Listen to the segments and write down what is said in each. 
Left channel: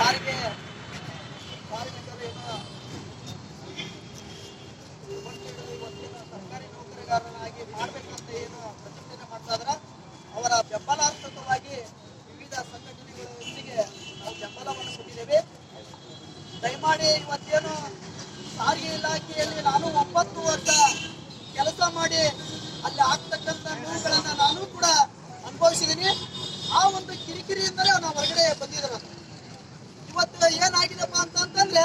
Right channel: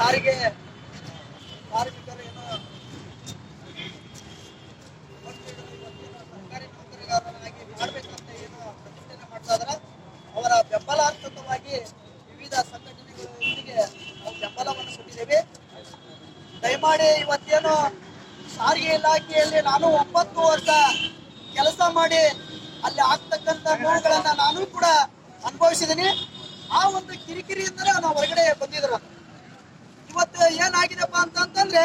ಸಾರಿಗೆ ಕಾರ್ಮಿಕರು ಏನು ಸರ್ಕಾರಿ ನೌಕರಗಾರನಾಗಿ ಮಾಡಬೇಕಂತ ಏನು ಪ್ರತಿಭಟನೆ ಮಾಡ್ತಾ ಇದಾರ. ಅವರ ಬೆಂಬಲಾರ್ಥಕವಾಗಿ ವಿವಿಧ ಸಂಘಟನೆಗಳೊಂದಿಗೆ ನಾವು ಬೆಂಬಲವನ್ನು ಕೊಟ್ಟಿದ್ದೇವೆ. ದಯಮಾಡಿ ಇವತ್ತೇನು ಸಾರಿಗೆ ಇಲಾಖೆಯಲ್ಲಿ ನಾನು ಒಂಬತ್ತು ವರ್ಷ ಕೆಲಸ ಮಾಡಿ ಅಲ್ಲಿ ಆಗ್ತಕ್ಕಂಥ ನೋವುಗಳನ್ನ ನಾನು ಕೂಡ ಅನುಭವಿಸಿದ್ದೀನಿ. ಆ ಒಂದು ಕಿರಿಕಿರಿಯಿಂದಲೇ ನಾವು ಹೊರಗಡೆ ಬಂದಿದ್ರು ಇವತ್ತು ಏನಾಗಿದೆಪ್ಪ ಅಂತಂತಂದ್ರೆ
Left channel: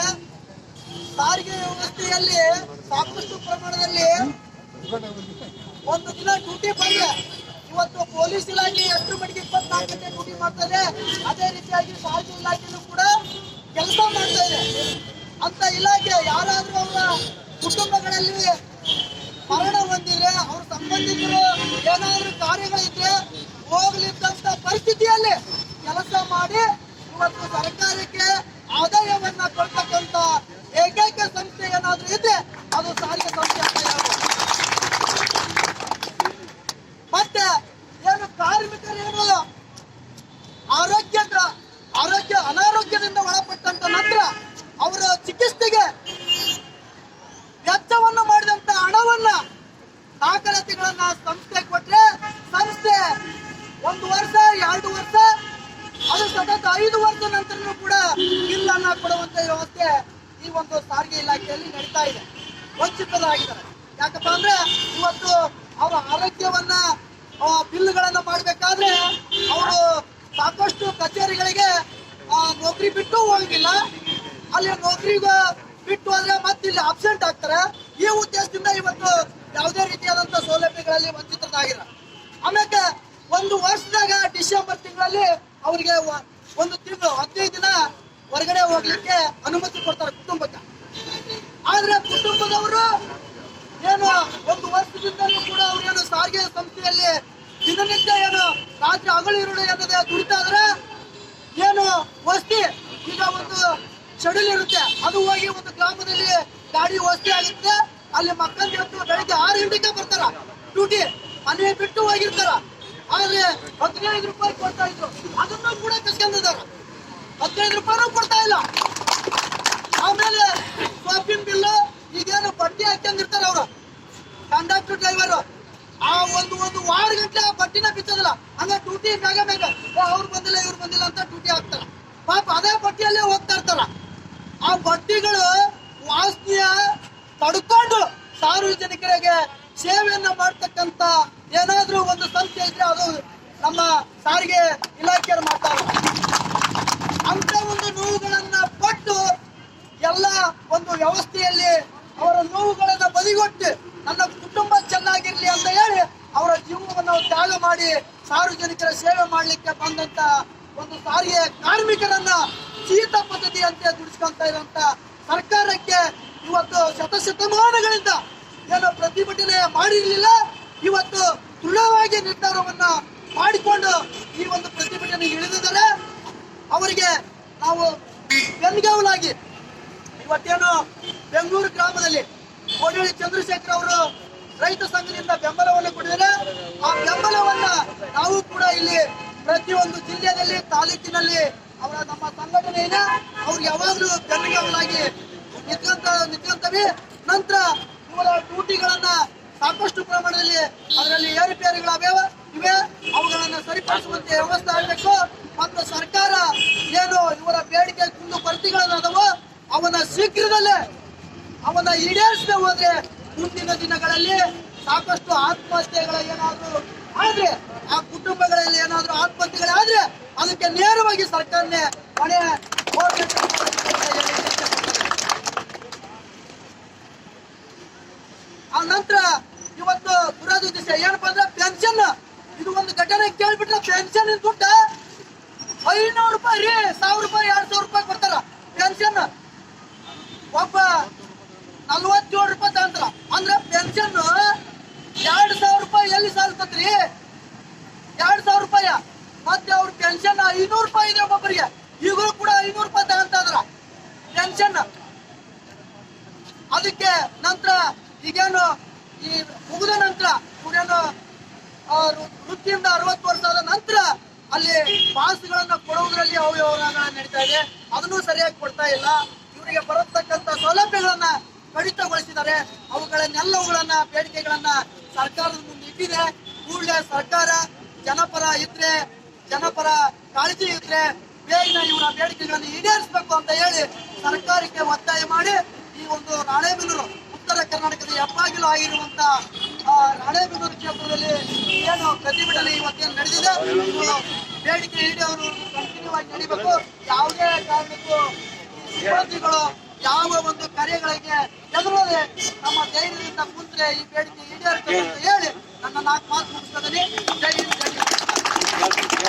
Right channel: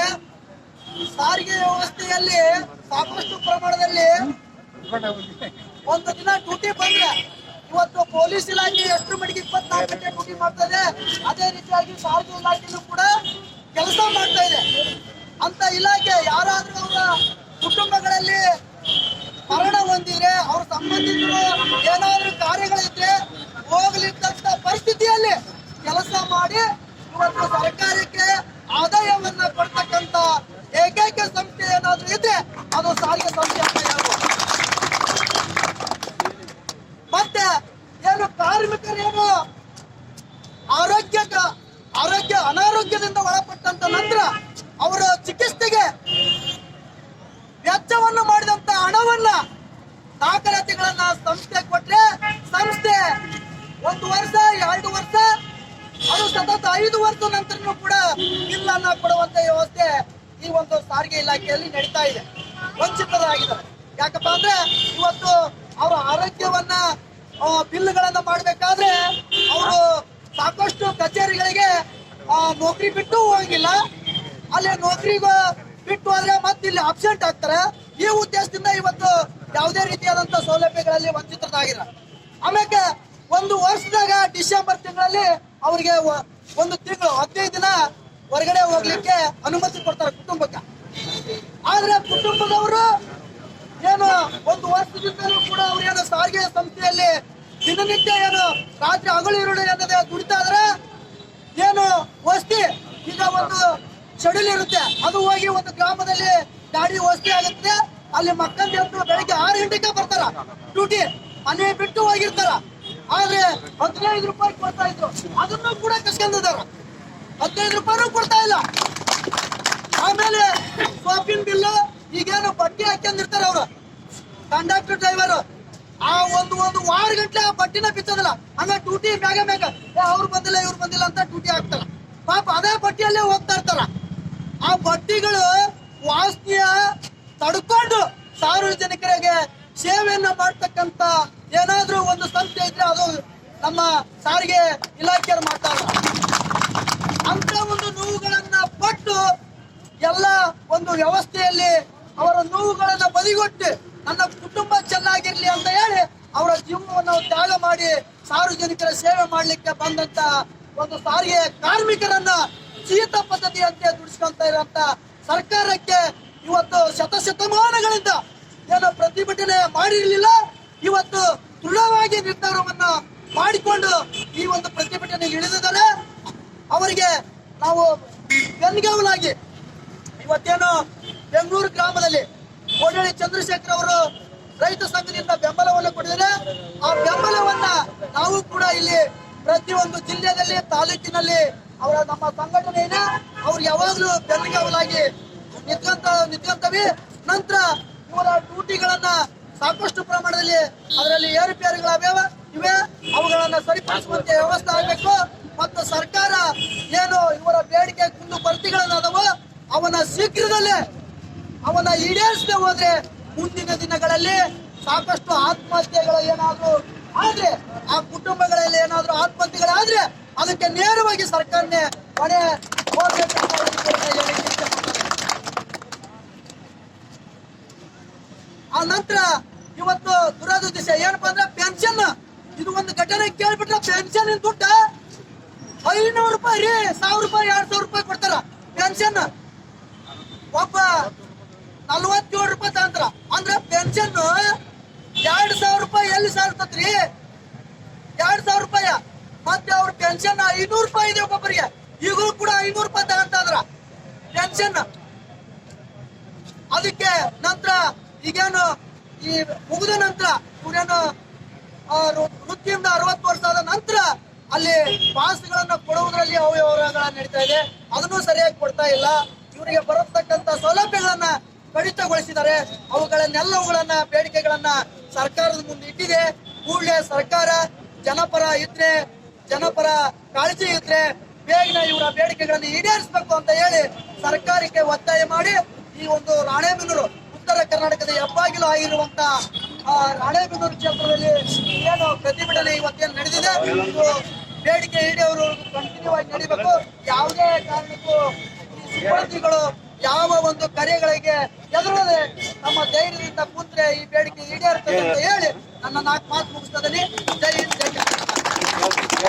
ಸಾರಿಗೆ ವ್ಯವಸ್ಥೆಯಲ್ಲಿ ಸಾಕಷ್ಟು ಪ್ರಮಾಣದಲ್ಲಿ ಒಂದು ದಿನ ಡ್ಯೂಟಿ ಬಂದ್ರೆ ಇವತ್ತು ಪೊಲೀಸ್ ಇಲಾಖೆ ಎಷ್ಟು ಮಟ್ಟಿಗೆ ಇಪ್ಪತ್ನಾಲ್ಕು ಗಂಟೆ ಡ್ಯೂಟಿ ಮಾಡ್ತದೆ ಅದೇ ರೀತಿಯಾಗಿ ಸಾರಿಗೆ ಇಲಾಖೆಯೂ ಕೂಡ ಕೆಲಸ ಮಾಡ್ತಾ ಇದೆ. ಅಂತ ಇಲಾಖೆ ಯಾರಾದ್ರೂ ಅವರ ಕುಟುಂಬಗಳಲ್ಲಿ ಮರಣ ಹೊಂದಿದ್ರೆ, ಅವ್ರ ಸಂಬಂಧಿಕರು ಏನಾದ್ರೂ ಕಾರ್ಯಗಳಿದ್ರೆ ಹೋಗ್ಲಿಕ್ಕಂತ ಪರಿಸ್ಥಿತಿಯಲ್ಲಿ ಕೆಲಸ ಮಾಡಿ ಇವತ್ತು ಸರ್ಕಾರಕ್ಕೆ ಆದಾಯವನ್ನ ಕೊಡ್ತಕ್ಕಂತ ಏಕೈಕ ಸಂಸ್ಥೆ ಏನಾದ್ರೂ ಇದೆ ಅದು ಸಾರಿಗೆ ಸಂಸ್ಥೆ ಮತ್ತೆ ಏನು ಕಾರ್ಮಿಕರೇನು ಆರೋಗ್ಯ ಆರೋಗ್ಯ ಅನಾರೋಗ್ಯದಿಂದ ಒಳಪಟ್ಟಂತ ನಂತರ ಅವರ ಚಿಕಿತ್ಸೆಗೆ ವೆಚ್ಚವನ್ನು ಮಾಡಿದಂತ ಹಣವನ್ನ ದಾಖಲಾತಿಗಳನ್ನ ಸಂಸ್ಥೆ ಕೊಟ್ರೆ ಸಂಸ್ಥೆ ಒಂದು ವರ್ಷ, ಎರಡು ವರ್ಷ ಅದು ಸತತ ಐದು ವರ್ಷ ನಂತರ ಕೂಡ ಬಿಲ್ ಅನ್ನ ಕೊಡುವಂತ ವ್ಯವಸ್ಥೆ ಈ ಒಂದು ಸಾರಿಗೆ ಇಲಾಖೆಯಲ್ಲಿ ನಡೀತಾ ಇದೆ. ವಂಚಿತರಾಗಿದ್ದಾರೆ. ಯಾಕಪ್ಪ ಅಂದ್ರೆ ಇವತ್ತು ಅವರ ಆರೋಗ್ಯವನ್ನ ಬಿಲ್ಗಳನ್ನ ಮಾಡಬೇಕಾದ್ರೆ ಅವರು ಸಾಕಷ್ಟು ಕಚೇರಿಗಳಿಗೆ ನೌಕರಿ ಬಿಟ್ಟು ಹೋಗಿಲ್ಲ. ಅಲ್ಲಿ ನೌಕರಿಗೂ ಬಿಟ್ಟು ಹೋದ್ರೆ ಮತ್ತೆ ಇಲ್ಲಿ ಅಬ್ಸೆಂಟ್ ಆಗ್ತಾರೆ. ಈ ಉದ್ದೇಶದಿಂದ ಇವತ್ತು ಯಾವುದೇ ರೀತಿಯಾದಂತ ಸೌಲಭ್ಯಗಳಲ್ಲಿ ವಂಚಿತರಾಗಿಲ್ಲ ಆಮೇಲೆ ಒಂದು ವರ್ಷದಾಗ ಡಿಸೆಂಬರ್ ತಿಂಗಳಲ್ಲಿ ಅವರಿಗೆ ಒಂದು ತಿಂಗಳು, ಹದಿನೈದು ದಿನ ಹೊರಗಡೆ ಹೋಗ್ಲಿಕ್ಕೆ ಅನುಮತಿ ಕೊಡ್ತಾರೆ ಕುಟುಂಬಕ್ಕೆ. ಆದ್ರೆ ಕುಟುಂಬದವರು ಏನು ಒಂದು ವರ್ಷದಿಂದಲೂ ಕೂಡ ಅವ್ರು ಏನು ಸಾರಿಗೆ ಸಂಸ್ಥೆಯಲ್ಲಿ ದಿನನಿತ್ಯ ಏನು ರಾತ್ರಿ ಹಗಲು ಇರುಳು ಎನ್ನದೆ ದುಡಿತಾದ್ರೆ ಏನು ವಸ್ತಿ ಈಗ ಒಂದು ಶೆಡ್ಯೂಲ್ ಇರುತ್ತೆ. ಅದು ಹೋಗಿ ಒಂದು ಗ್ರಾಮದಲ್ಲಿ ಗಾಡಿ ವಸ್ತಿ ಆಗುತ್ತೆ. ಅಲ್ಲಿ ಮಕ್ಕಳು ಬೆಳಿಗ್ಗೆ ಆರು ಗಂಟೆಗೆ ಬರ್ತಾರ. ಡ್ಯೂಟಿ. ಮನೆ ಬಿಟ್ಟು ಹೋಗಿರ್ತಾರ. ಆದ್ರೆ ಹದಿನೈದು ರೂಪಾಯಿ ಕೊಡ್ತಾ ಇದ್ರು. ಅದನ್ನು ಕೂಡ ಕಸ್ಕೊಂಡಿದ್ದಾರೆ. ಹದಿನೈದು ರೂಪಾಯಿ ಕೊಡ್ತಾ ಇಲ್ಲ. ಆಮೇಲೆ ಶಾಪಿಂಗ್ ಬಿಲ್ ಈಗೇನು ಬಡ್ಡಿ ಹಾಕೊಂಡಿರ್ತಾರೆ ಅವರು. ಕಂಡಕ್ಟರ್ ಡ್ರೈವರ್ ಆ ಒಂದು ಒಂದು ವಾರ ಗಂಟೆ ಆ ಬಟ್ಟಿನ ಬಿಚ್ಚೋದಿಲ್ಲ. ಹಂಗ ಮ್ಯಾಗ ಮ್ಯಾಗ. ಏ, ಅವ್ರು ಬಂದಿಲ್ಲ ಇವ್ರು ಬಂದಿಲ್ಲ ಅಂತ ಡ್ಯೂಟಿ ಹಾಕ್ತಾರ. ಪಾಪ ಅದೇ ಬಟ್ಟಿಯಲ್ಲೇ ಹೋಗ್ತಾ ಇರ್ತಾರ. ಆ ಬಟ್ಟಿಗಳು ವಾಸ್ತಿಯ ತಡ್ಕೊಂಡು ಸಾರ್ವಜನಿಕರಿಗೆ ಸೇವೆಯನ್ನ ಮಾಡ್ತಕ್ಕಂತ ಏನಾದ್ರೂ ಒಂದು ಸಂಸ್ಥೆ ಇದ್ರೆ ಅದು ನಮ್ಮ ಸಾರಿಗೆ ಇಲಾಖೆಯವರು ಮಾಡ್ತಾರೆ. ಅಂತ ಒಂದು ನೋವುಗಳನ್ನ ಪಟ್ಟು ಎಲ್ಲ ಒಂದು ವ್ಯವಸ್ಥೆಯಲ್ಲಿ ಅವರ ನೋವುಗಳನ್ನ ಬದಿಗೊಟ್ಟು ನನ್ನ ಕುಟುಂಬ ಚೆನ್ನಾಗಿರ್ಲಿ ಅಂತ ಹೇಳಿ ಅವರ ಜೀವನವನ್ನು ತ್ಯಾಗ ಮಾಡಿ ಸಾರ್ವಜನಿಕರ ಸೇವೆ ಮಾಡಲಿಕ್ಕೆ ಬಂದಂತ ಒಂದು ಸಾರಿಗೆ ಕಾರ್ಮಿಕರನ್ನ ಶೀತ ಪದ್ಧತಿಯಂತೆ ದುಡಿಸ್ಕೊಂತ ಇರುವಂತ ಸರ್ಕಾರಕ್ಕೆ ಇವತ್ತು ಶತಶತಮಾನಗಳಿಂದ ಏನೋ ಪ್ರತಿಭಟನೆ ಮಾಡಿರಲಿಲ್ಲ. ಇವತ್ತು ದೃಢವಾಗಿ ನಿರ್ಧಾರವನ್ನ ಮಾಡಿಕೊಂಡು ಈ ಒಂದು ಪ್ರತಿಭಟನೆ ಇಳಿದಿದ್ದಾರೆ. ಅವರಿಗೆ ನಾವು ಬೆನ್ಗಾವಲಾಗಿ ಇವತ್ತೇನು ಬೆಂಗಳೂರು ಗ್ರಾಮದಲ್ಲಿ ಕೋಡಳ್ಳಿ ಚಂದ್ರಶೇಖರ್ ಅವರು ರೈತ ಸಂಘದಿಂದ ಬೆಂಬಲವನ್ನು ಕೊಟ್ಟಿದ್ದಾರೆ. ಆ ಬೆಂಬಲವನ್ನ ನಾವು ಕೂಡ ಇಲ್ಲಿ ಪ್ರತಿಯೊಂದು ಜಿಲ್ಲೆಯಲ್ಲಿ, ತಾಲೂಕಿನಲ್ಲಿ ಅವರ ನಮ್ಮ ಸಂಘಟನೆಯನ್ನ ಅವ್ರು ಯಾವಾಗಲೂ ಬೆನ್ಗಾವಲಾಗಿ ನಿಂತ ನಿಂತವೆ ನಂತರ ಇವರ ಡ್ಯೂಟಿಗಳನ್ನ ಸಾಕಷ್ಟು ಪ್ರಮಾಣದಲ್ಲಿ ಅದರಲ್ಲಿ ಏರುಪೇರುಗಳಾಗ್ಯಾವ ಇವೆ. ಅವುಗಳನ್ನ ಸರಿಪಡಿಸುವಂತೆ ವ್ಯವಸ್ಥೆ ಆಗಬೇಕು. ಮತ್ತು ಸರ್ಕಾರ ಏನು ಇವರ ಬೇಡಿಕೆ ಕುಂದು ಕೊರತೆಗಳದಾದವೋ ಅವನ ಶೀಘ್ರದಲ್ಲೇ ಅವನ ಈಡೇರಿಸದೆ ಹೋದ್ರೆ ಮುಂದಿನ ದಿನಗಳಲ್ಲಿ ಸಾಕಷ್ಟು ಆತ್ಮಹತ್ಯೆಗಳ ಏನಾದ್ರು ಆದ್ರೆ, ಆ ಕುಟುಂಬಗಳಲ್ಲಿ ಏನಾದರೂ ಆತ್ಮಹತ್ಯೆಗಳಾದ್ರೆ ಅದಕ್ಕೆ ನೇರವಾಗಿ ಸರ್ಕಾರನೇ ಹೊಣೆ ಹೋಗ್ಬೇಕು ಅಂತ ಒಂದು ಕೋರ್ತಾ ಇದ್ದೇನೆ. ಆ ನಂತರ ಇವತ್ತು ದುರದೃಷ್ಟ ಏನಪ್ಪಾ ಅಂದ್ರೆ ಪೆನ್ಷನ್ ಇದು ಒಂದು ಘಟನೆ ಕೇಳ್ಬಿಟ್ರೆ ಪೆನ್ಷನ್ ದುಡ್ಡ ಐನೂರು ರೂಪಾಯಿ ರೀ, ಸಾವಿರ ರೂಪಾಯಿ, ಎರಡ್ ಸಾವಿರ ರೂಪಾಯಿ ಕೊಡ್ತಾರ ಪೆನ್ಷನ್ ಒಬ್ಬ ನಲ್ವತ್ತೇಳು ರೂಪಾಯಿ ತಗೊಂತಾರ ಅಂದ್ರೆ ಪೆನ್ಷನ್ ಎರಡ್ ಸಾವಿರ ರೂಪಾಯಿ ಎಲ್ಲಿ ಸಾಲ್ತತ್ರಿ ಎರಡ್ ಸಾವಿರ ರೂಪಾಯಿ. ಮತ್ತೆ ಅವ್ರ ಪೆನ್ಷನ್ ಐನೂರು ರೂಪಾಯಿ ಇದೆ ಒಬ್ಬೊಬ್ಬರಿಗೆ ಈಗಲೂ ಕೂಡ ಐನೂರು ರೂಪಾಯಿ ತಗೊಂತ ಪೆನ್ಷನ್ ಅದಕ್ಕೆ ನಂತರ ಈಗೇನು ಈ ಮುಗಿದ ನಂತರ ಇವರೇನು ವೃತ್ತಿಯಿಂದ ಅರವತ್ತು ವರ್ಷ ಆದ ನಂತರ ಅಲ್ಲಿ ಪಾಸ್ಗಳನ್ನ ಕೊಡುವುದರಲ್ಲಿ ಅವ್ಯವಹಾರಗಳ ನಡೀತಾ ಇದೆ. ಅದನ್ನು ಸರಿಯಾಗಿ ಕೊಡ್ತಾ ಇಲ್ಲ. ಇವರಿಗೆ ಬರತಕ್ಕಂತ ಸೌಲಭ್ಯಗಳನ್ನ ಕಡಿತಗೊಳಿಸಿದ್ದಾರೆ. ಅವುಗಳನ್ನೆಲ್ಲವುಗಳನ್ನ ಬೇಡಿಕೆಗಳನ್ನ ಸರ್ಕಾರದ ಮುಂದೆ ಇಟ್ಟಿದೆ. ಕೂಡಲೇ ಸರ್ಕಾರ ಜನಪರ ಇದ್ರೆ, ಜನಪರ ಕಾಳಜಿ ಇದ್ರೆ ಬೇಗ ಇವರ ಬೇಡಿಕೆಗಳನ್ನು ಈಡೇರಿಸಬೇಕು ಅಂತ ಹೇಳಿ ಸರ್ಕಾರಕ್ಕೆ ಒತ್ತಾಯ ಮಾಡಿ ಈ ಒಂದು ರಾಣೆಬೆನ್ನೂರು ಉತ್ತರ ಕರ್ನಾಟಕದ ಹೆಬ್ಬಾಗಿಲು ಆಗಿರುವಂತ ರಾಣೆಬೆನ್ನೂರು ಕ್ಷೇತ್ರದಲ್ಲಿ ಏನು ಪ್ರತಿಭಟನೆ ಇವತ್ತೇನು ನಡೆದಿದೆ? ಬೇಡಿಕೆ ಈಡೇವರು ಕಂಟಿನ್ಯೂ ಆಗಿ ನಡಿಬೇಕು. ಯಾವುದೇ ಕಾರಣಕ್ಕೂ ಸಿಬ್ಬಂದಿಗಳು ಯಾವ ಒಂದು ಕಾರ್ಯಗಳಿಗೆ ಎದುರದೆ ನಮ್ಮ ಧೈರ್ಯದಿಂದ ಕೂತ್ರೆ ಈ ಬೇಡಿಕೆ ಈಡೇರ್ತದೆ ಅಂತ ಹೇಳಿ ನನ್ನ ನಾಲ್ಕು ಮಾತು ಮುಗಿಸ್ತದೀನಿ ಜೈ ಹಿಂದ್.